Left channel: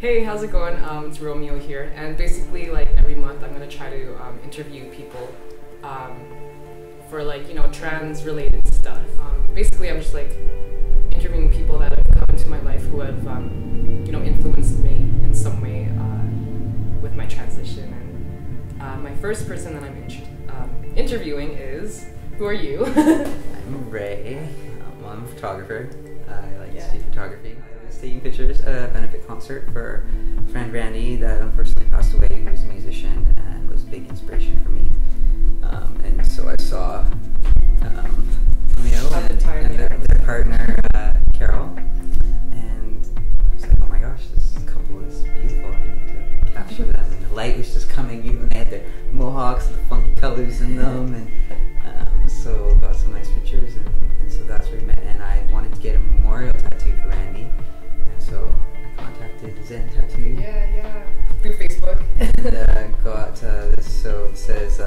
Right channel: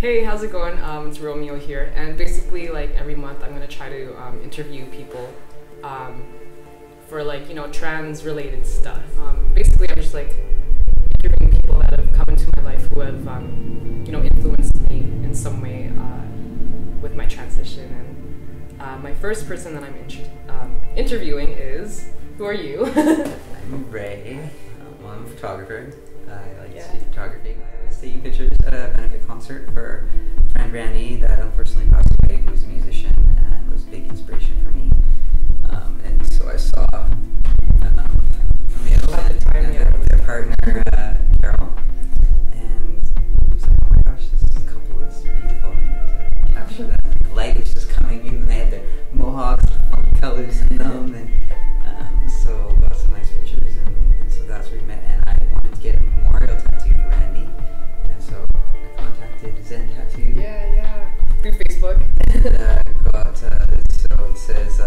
Hey, how's it going? It's Romeo here, and basically, like every month, I'm gonna try to interview people for trans-related stuff. Basically, I'm just like interviewing people that have come into my life who have influenced me in some way with my transition. And my first person that I'm interviewing is, who are you? I'm Ray. I'm a photographer. I like to do photography. I was taking pictures at a benefit concert for a friend Randy that unfortunately passed away, who was a musician and was a big inspiration for me. And so I saw Romeo and their partner Carol, and I was like, oh my gosh, this couple is beautiful. I need to capture them. And the light was just coming, even they had their mohawks, the funky colors in them, and so got some nice pictures, and so that's where we met. And I wanted to get a memorial tattoo for Randy, and so I contacted Zen Tattoo. Through Facebook. And got this, so it says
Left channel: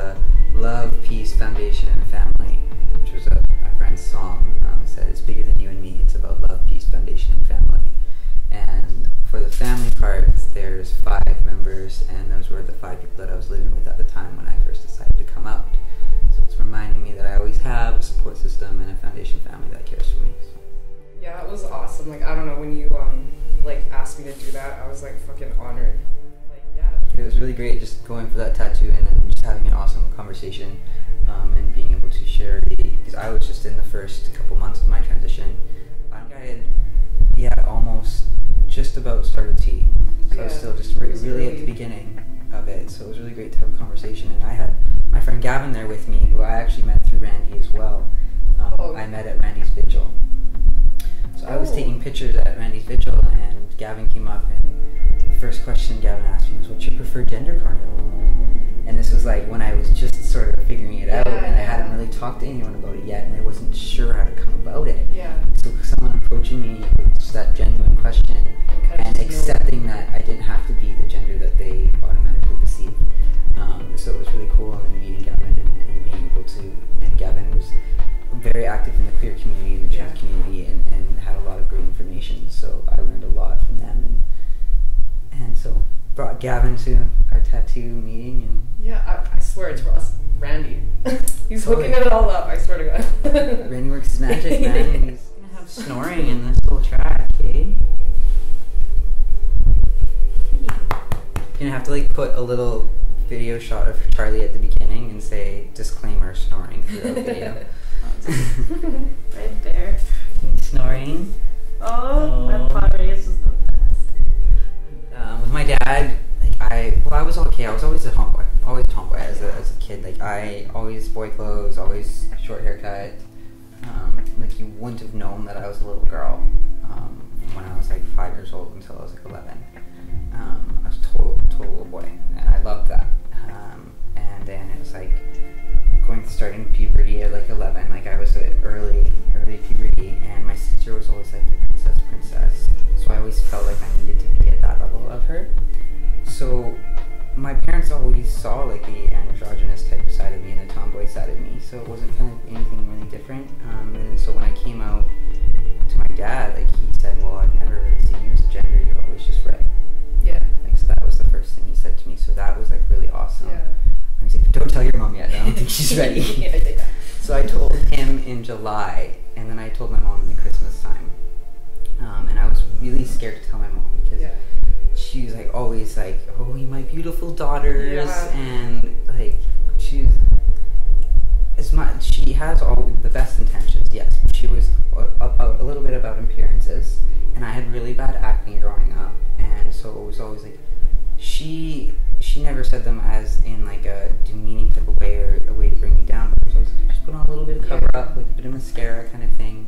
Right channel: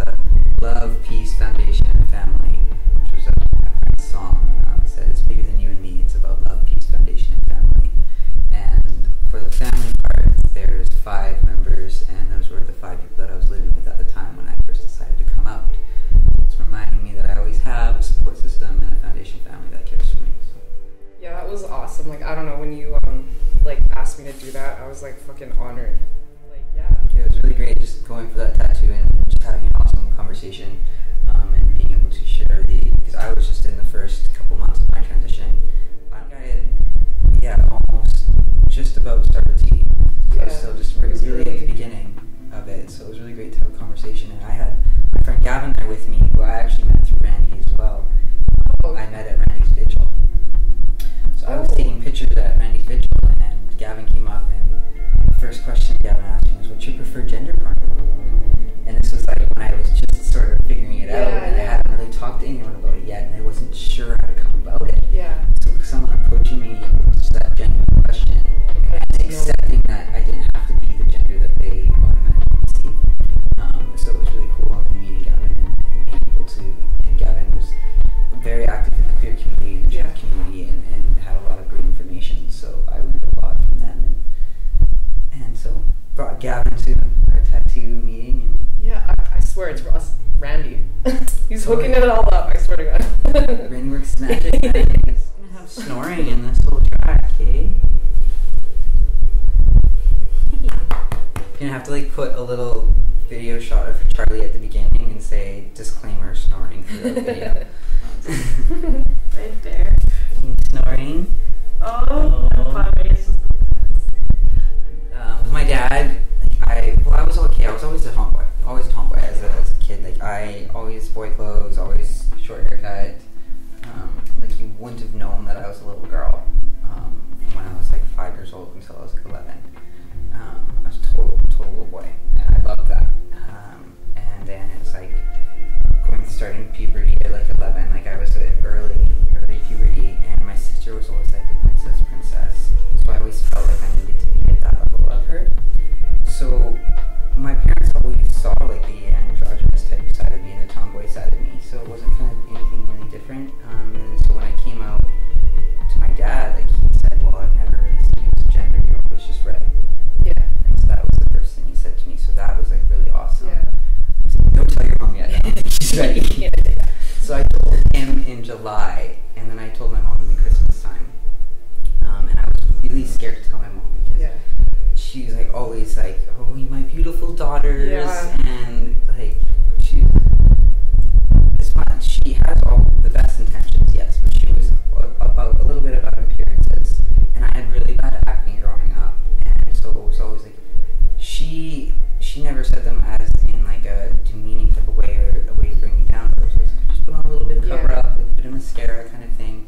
Love, Peace, Foundation, and Family, which was my friend's song. It said, it's bigger than you and me, it's about love, peace, foundation, and family. And for the family part, there's 5 members, and those were the 5 people that I was living with at the time when I first decided to come out. So it's reminding me that I always have a support system and a foundation family that cares for me. So. Yeah, that was awesome. Like, I don't know, when you asked me to do that, I was like fucking honored. It was really great just going for that tattoo and just having an awesome conversation and being able to share because I was just in the first couple months of my transition. I had, almost just about started T. So I was still just really at the beginning of it. So it was really great to have a conversation. And I had my friend Gavin there with me, who I actually met through Randy as well. I met at Randy's vigil. So I was taking pictures at Randy's vigil, and Gavin came up, and the first question Gavin asked me was, what's your preferred gender pronoun? And this was like when I was just sort of figuring it out, and I hadn't really talked to anyone about it yet, and I wasn't sure how to come about it. So someone approaching me with just that genuine question and accepting that I didn't have to be the gender that they automatically perceive. So it was really cool, and then meeting Gavin and being able to, and Gavin was very active in the queer community and the trans community, and had a lot of great information, so I learned a lot from them, and so brought Gavin to our tattoo meeting. And I swear it's Randy. He's hooking it all up, I swear to God. Randy works his magic, man. He's gonna have snoring in this whole track, eh? You're gonna have to put a little video shot of Charlie at the beginning and say disclaimer snoring throughout the video. Right there. Snoring. Oh. My pottery is just the best. With my dad, I was okay. I was always a tomboy. Always a tomboy as a kid. I always boy clothes, always short haircut. You wouldn't have known that I was a little girl when I was 5 years old until I was 11. I was total little boy, and I loved that. And then it was starting puberty at 11. I was at early puberty, and my sister was always the princess. So I always felt like I needed to be at that level of her. So my parents always saw the androgynous type side of me and the tomboy side of me. So it wasn't anything really different. And so when I came out to my dad, he said, "Well, I've never really seen you as a gender. You're always just Ray." So that was the first thing he said to me. So that was really awesome. I was like, "Don't tell your mom yet. I don't think she's ready." So I told him in July, and then I told my mom in Christmas time. And I was really scared to tell my mom because she's always "Oh, you my beautiful daughters," and she has all the best intentions, yes, but she was a little bit about appearances, and I had really bad acne growing up, and so it was always she never said them as in a demeaning type of way or a way to bring me down, but it was always just put on a little bit of cover up, a bit of mascara kind of thing,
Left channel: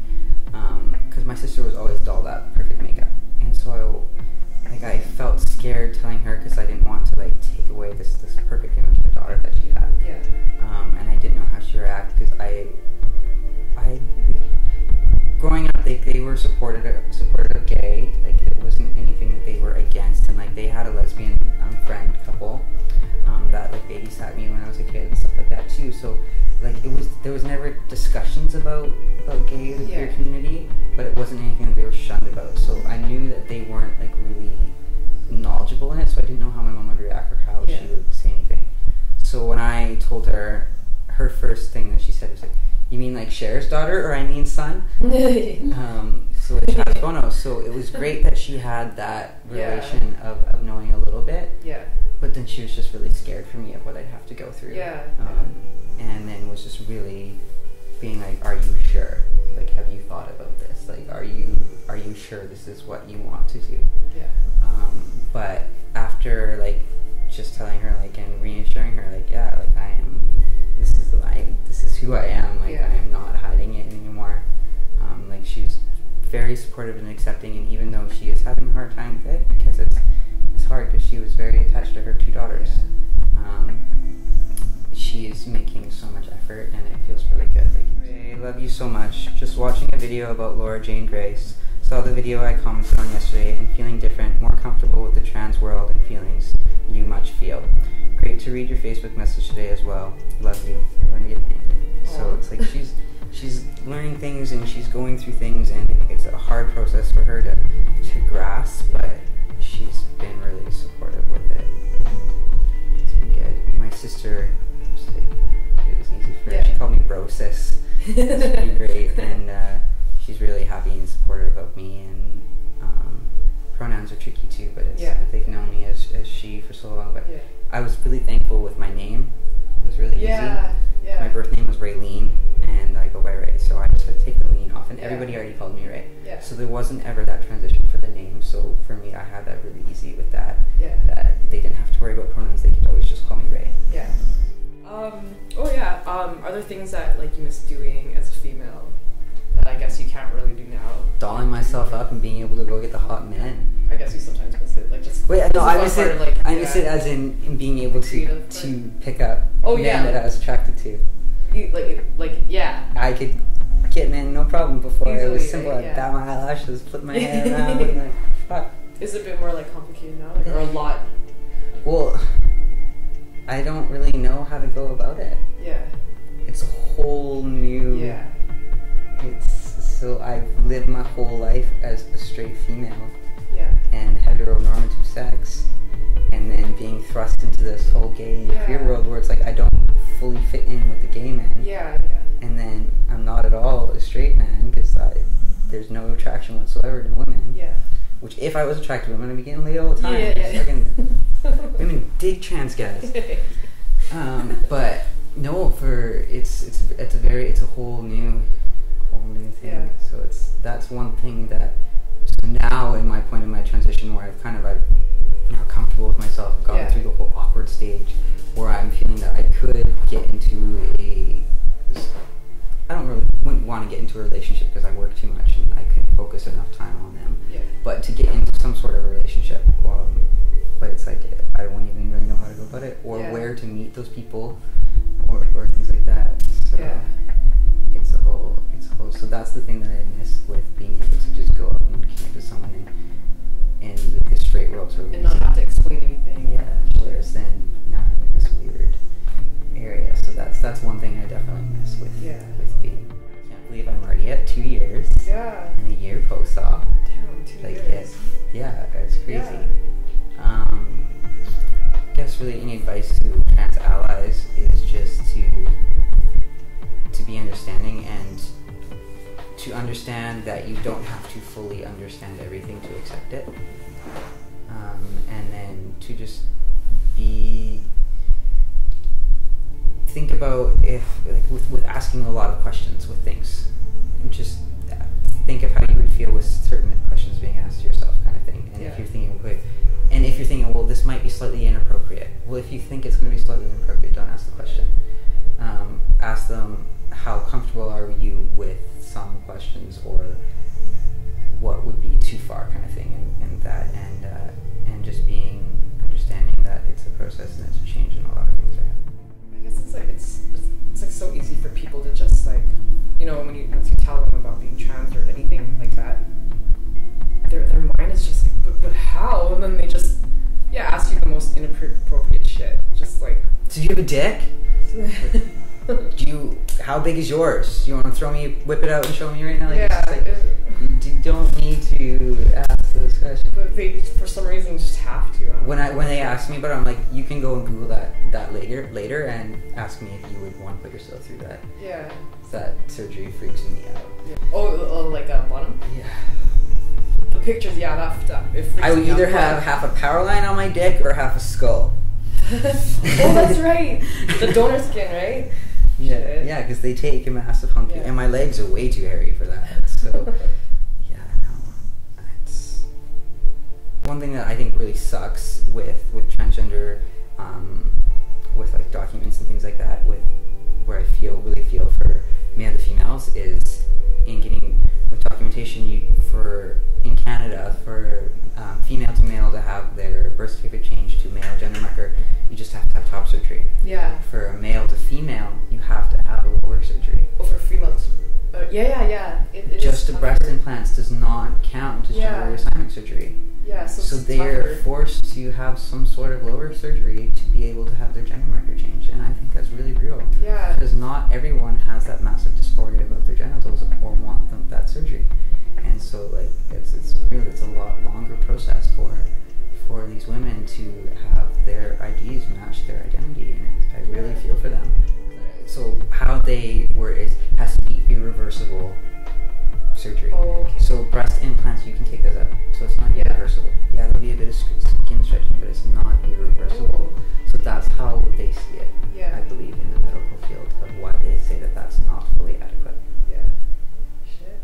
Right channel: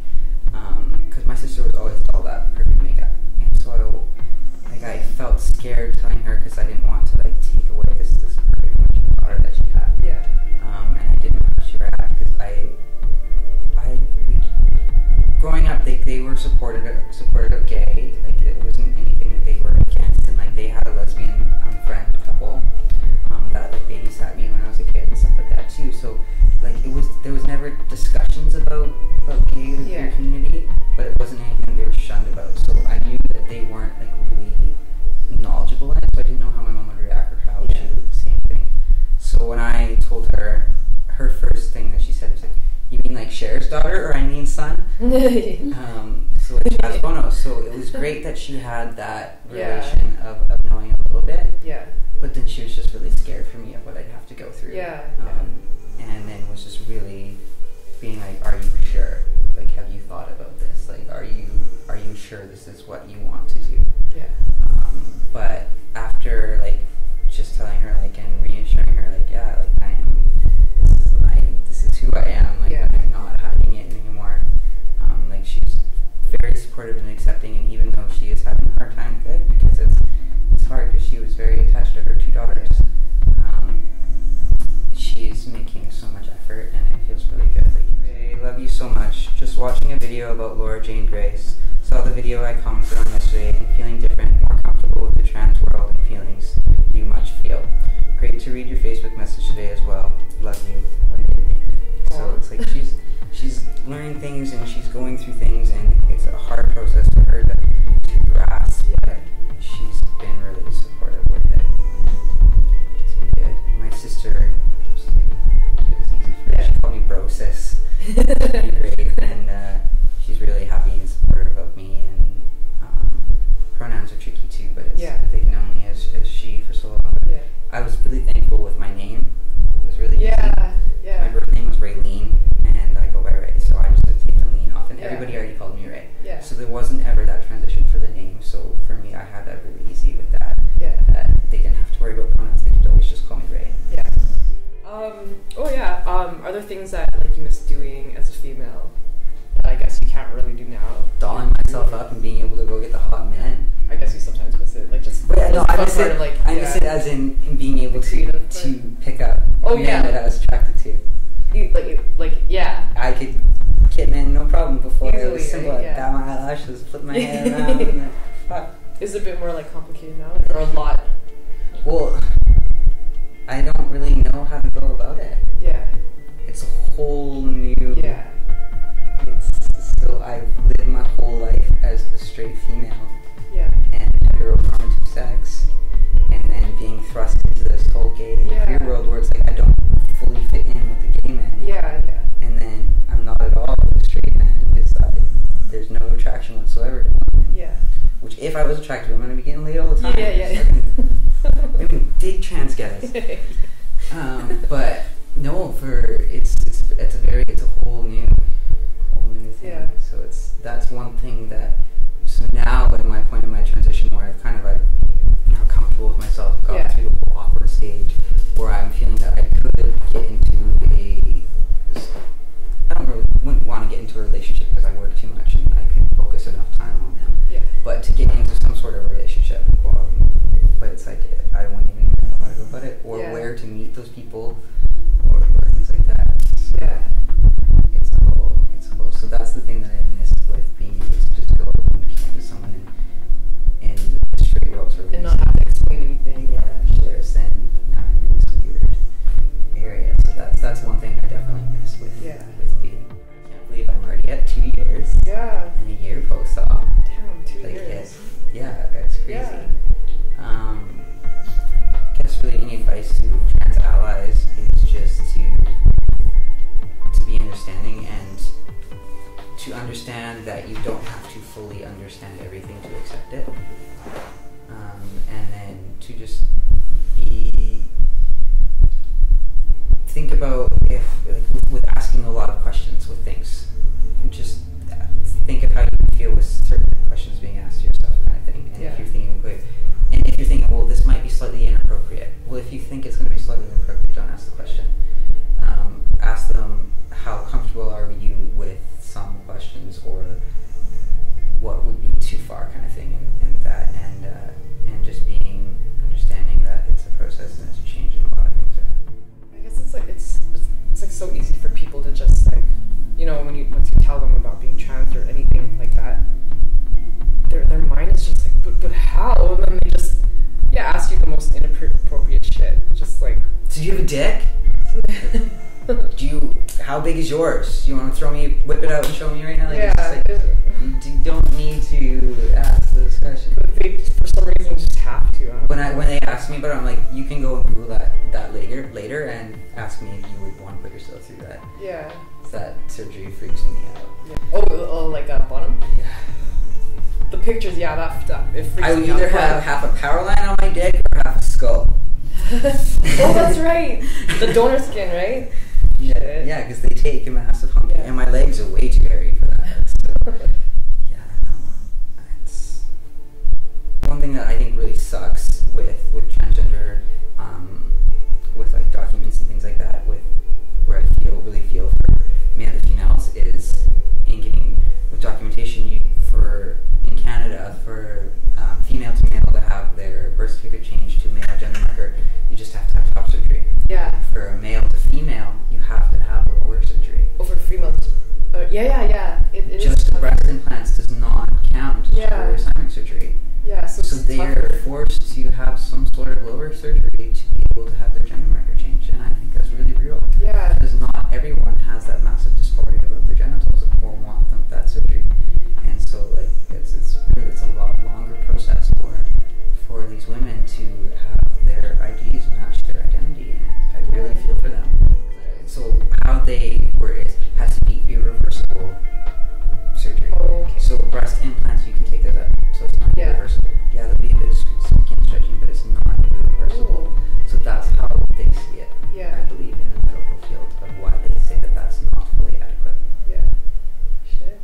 because my sister was always all that perfect makeup, and so I felt scared telling her because I didn't want to take away this perfect image of a daughter that she had. And I didn't know how she would react because growing up, they were supportive of gay. It wasn't anything that they were against, and they had a lesbian friend couple that babysat me when I was a kid and stuff like that too. So there was never discussions about gay or the queer community, but it wasn't anything that they were shunned about. So I knew that they weren't really told her, her first thing that she said was like, "You mean like Cher's daughter, or I mean son?" So it's Chaz Bono. So it was great that she had that relation of knowing a little bit. Yeah. But then she was just really scared for me of what I'd have to go through. Yeah. And then was just really being like, "Are you sure? Like, have you thought about this? Like, are you sure this is what you want to do?" Yeah. But after like just telling her like and reassuring her like, yeah, like I am. This is who I am. Like I'm not hiding it anymore. Like she's very supportive and accepting, and even though she is having a hard time with it because it's hard because she was very attached to her 2 daughters. She is making so much effort, and it feels really good. Like, Ray, love you so much. Just watching a video about Laura Jane Grace. Saw the video I commented on yesterday and feeling different, more comfortable with the trans world and feelings you much feel. Great to read your Facebook message today as well. Love you. So it's like she's learning things and she's going through things, and it's a hard process for her to grasp, but she's been really supportive with it. And it's been good. And my sister, it was easy for her. She called me bro sis. It's pretty great, and she's really happy and supportive of me. And pronouns are tricky too, but they've known me as she for so long. But I was really thankful with my name. It was really easy. My birth name was Raylene, and I go by Ray, so I just had to take the lean off, and everybody already called me Ray. So there wasn't ever that transition for the name, so for me I had that really easy with that. That they didn't have to worry about pronouns, they could always just call me Ray. Are there things that like you miss doing as a female that I guess you can't really do now? Dolling myself up and being able to go get the hot men. I guess you sometimes miss it, like just. Wait, no, I miss it. Of, like, I miss it as in being able to pick up men that I was attracted to. I could get men no problem before. Easily, it was simple. I'd bat my eyelashes, flip my hair around, and then fuck. Is it a bit more like complicated now, or a lot? Well, I don't really know how to go about it. It's a whole new. So I've lived my whole life as a straight female. And heteronormative sex, and then being thrust into this whole gay and queer world where it's like I don't fully fit in with the gay men. And then I'm not at all a straight man because there's no attraction whatsoever to women. Which if I was attracted to women, I'd be getting laid all the time. Women dig trans guys. But no, it's a whole new thing. So that's one thing that. So now, in my point in my transition, where I've now comfortable with myself, gone through the whole awkward stage, where I'm feeling that I could get into wouldn't want to get into a relationship because I work too much and I couldn't focus enough time on them. But to get into some sort of a relationship, but it's like I wouldn't even really know how to go about it, or where to meet those people, or things like that. So it's a whole. So that's the thing that I miss with being able to just go out and connect with someone in the straight world sort of and not have to explain anything. Whereas then now I'm in this weird area. So that's one thing I definitely miss with being. I can't believe I'm already at 2 years. And a year post-op. Damn, 2 years. It's crazy. I guess really any advice to trans allies is just to be understanding and to understand that you don't have to fully understand everything to accept it, and then to just think about if with asking a lot of questions with things, just think of how you would feel with certain questions being asked to yourself, kind of thing. And if you're thinking, well, this might be slightly inappropriate. Well, if you think it's going to be slightly inappropriate, don't ask the question. Ask them, how comfortable are you with some questions, or what would be too far, kind of thing, and just being understanding that it's a process and it's a change in a lot of things. I guess it's like so easy for people to just like, once you tell them about being trans or anything like that, their mind is just like, but how? And then they just ask you the most inappropriate shit, just like, did you have a dick? How big is yours? You want to whip it out and show me right now? Like, Yeah. You don't need to ask those questions. But they, for some reason, just have to. When they ask me about it, I'm like, you can go and Google that later and ask me if you would want to put yourself through that. Yeah. That surgery freaks me out. Yeah. Oh, like a bottom? Yeah. The pictures, yeah, that stuff. It freaks me out. I would either have half a power line on my dick or half a skull. Oh, that's right. The donor skin, right? Yeah, because they take a massive hunk, Yeah. and my legs are way too hairy for that. So, yeah, no, it's one thing that I think really sucks with transgender, with like documents and things like that. Where I really feel for male to females is in getting with documentation. In Canada for female to male to have their birth certificate changed to male gender marker, you just have to have top surgery. Yeah. For a male to female, you have to have a lower surgery. Over 3 months. Yeah. It just is breast implants does not count as gender reassignment surgery. Yeah, so they are forced to have some sort of lower surgery to be able to have their gender marker changed, and I think that's really real. Yeah. Because not everyone has that massive dysphoria about their genitals or want that surgery. And so, like, it's a lot longer process for these women to have their IDs match their identity, and I really feel for them. So how they word it has to be irreversible surgery. Oh, okay. So breast implants, you can take those out, so it's not irreversible. Yeah, there'll be a bit of skin stretching, but it's not irreversible. Oh. So that's how they see it. Yeah. I believe in the medical field of why they say that that's not fully adequate. Yeah. Shit.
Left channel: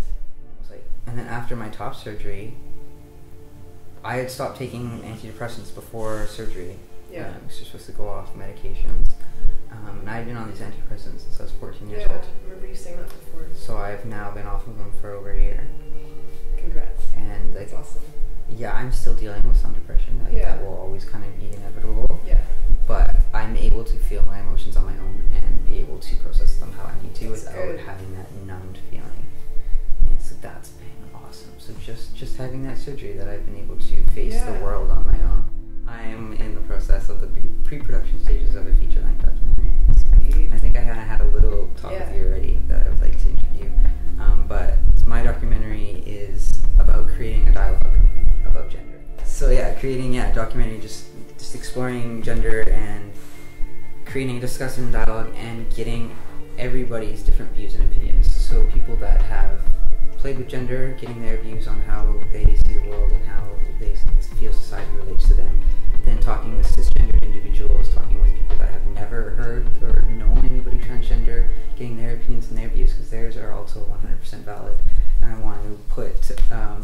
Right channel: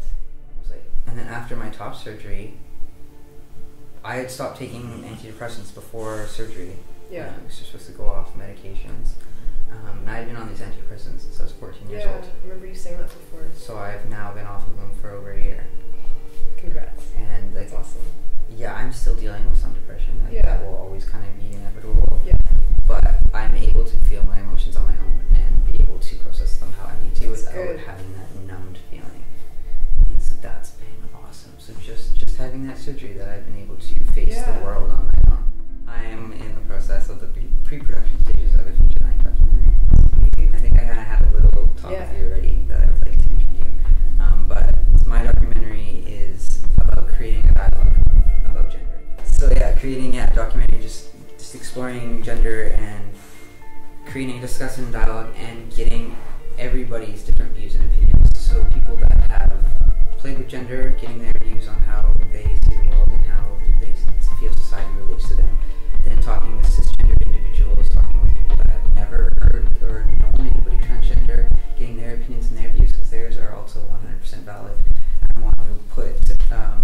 And then after my top surgery, I had stopped taking antidepressants before surgery. Yeah. I was supposed to go off medications. And I had been on these antidepressants since I was 14 years old. Yeah, I remember you saying that before. So I've now been off of them for over a year. Congrats. And that's awesome. Yeah, I'm still dealing with some depression. That will always kind of be inevitable. Yeah. But I'm able to feel my emotions on my own and be able to process them how I need to without having that numbed feeling. And so that's been awesome. So just having that surgery that I've been able to face the world on my own. I am in the process of the pre-production stages of a feature-length documentary. I think I kind of had a little talk with you already that I would like to interview. But my documentary is about creating a dialogue about gender. So yeah, creating a documentary just exploring gender and creating a discussion dialogue and getting everybody's different views and opinions. So people that have played with gender, getting their views on how they see the world and how they feel society relates to them. Then talking with cisgendered individuals, talking with people that have never heard or known anybody transgender, getting their opinions and their views, because theirs are also 100% valid. And I want to put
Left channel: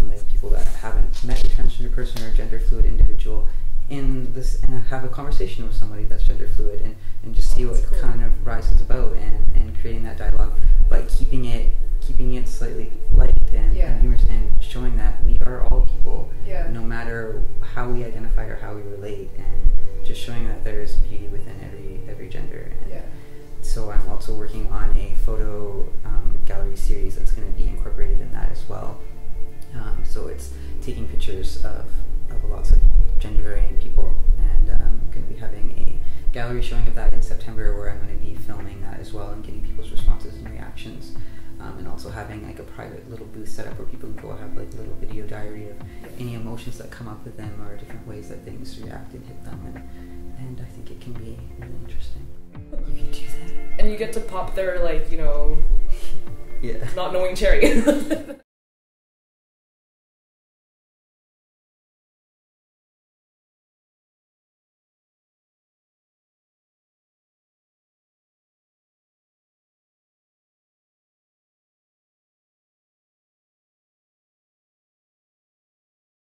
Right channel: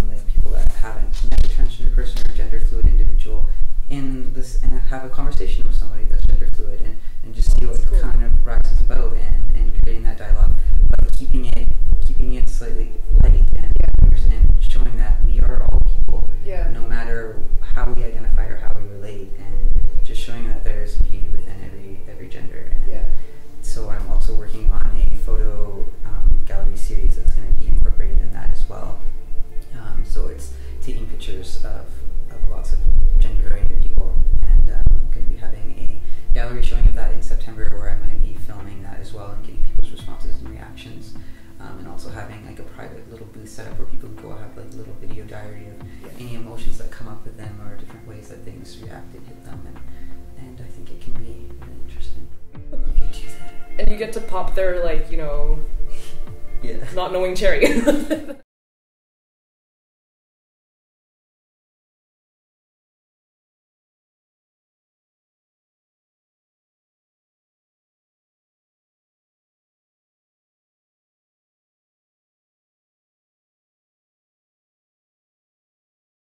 like people that haven't met a transgender person or gender fluid individual in this and have a conversation with somebody that's gender fluid and just see what kind of rises about and creating that dialogue, but keeping it slightly light and humorous and showing that we are all people, no matter how we identify or how we relate, and just showing that there is beauty within every gender. And so I'm also working on a photo gallery series that's going to be incorporated in that as well. So it's taking pictures of lots of gender variant people, and I'm going to be having a gallery showing of that in September, where I'm going to be filming that as well and getting people's responses and reactions. And also having like a private little booth set up where people can go have like a little video diary of any emotions that come up with them or different ways that things react and hit them, and I think it can be really interesting. You can do that. And you get to pop their, like, you know, not knowing cherry.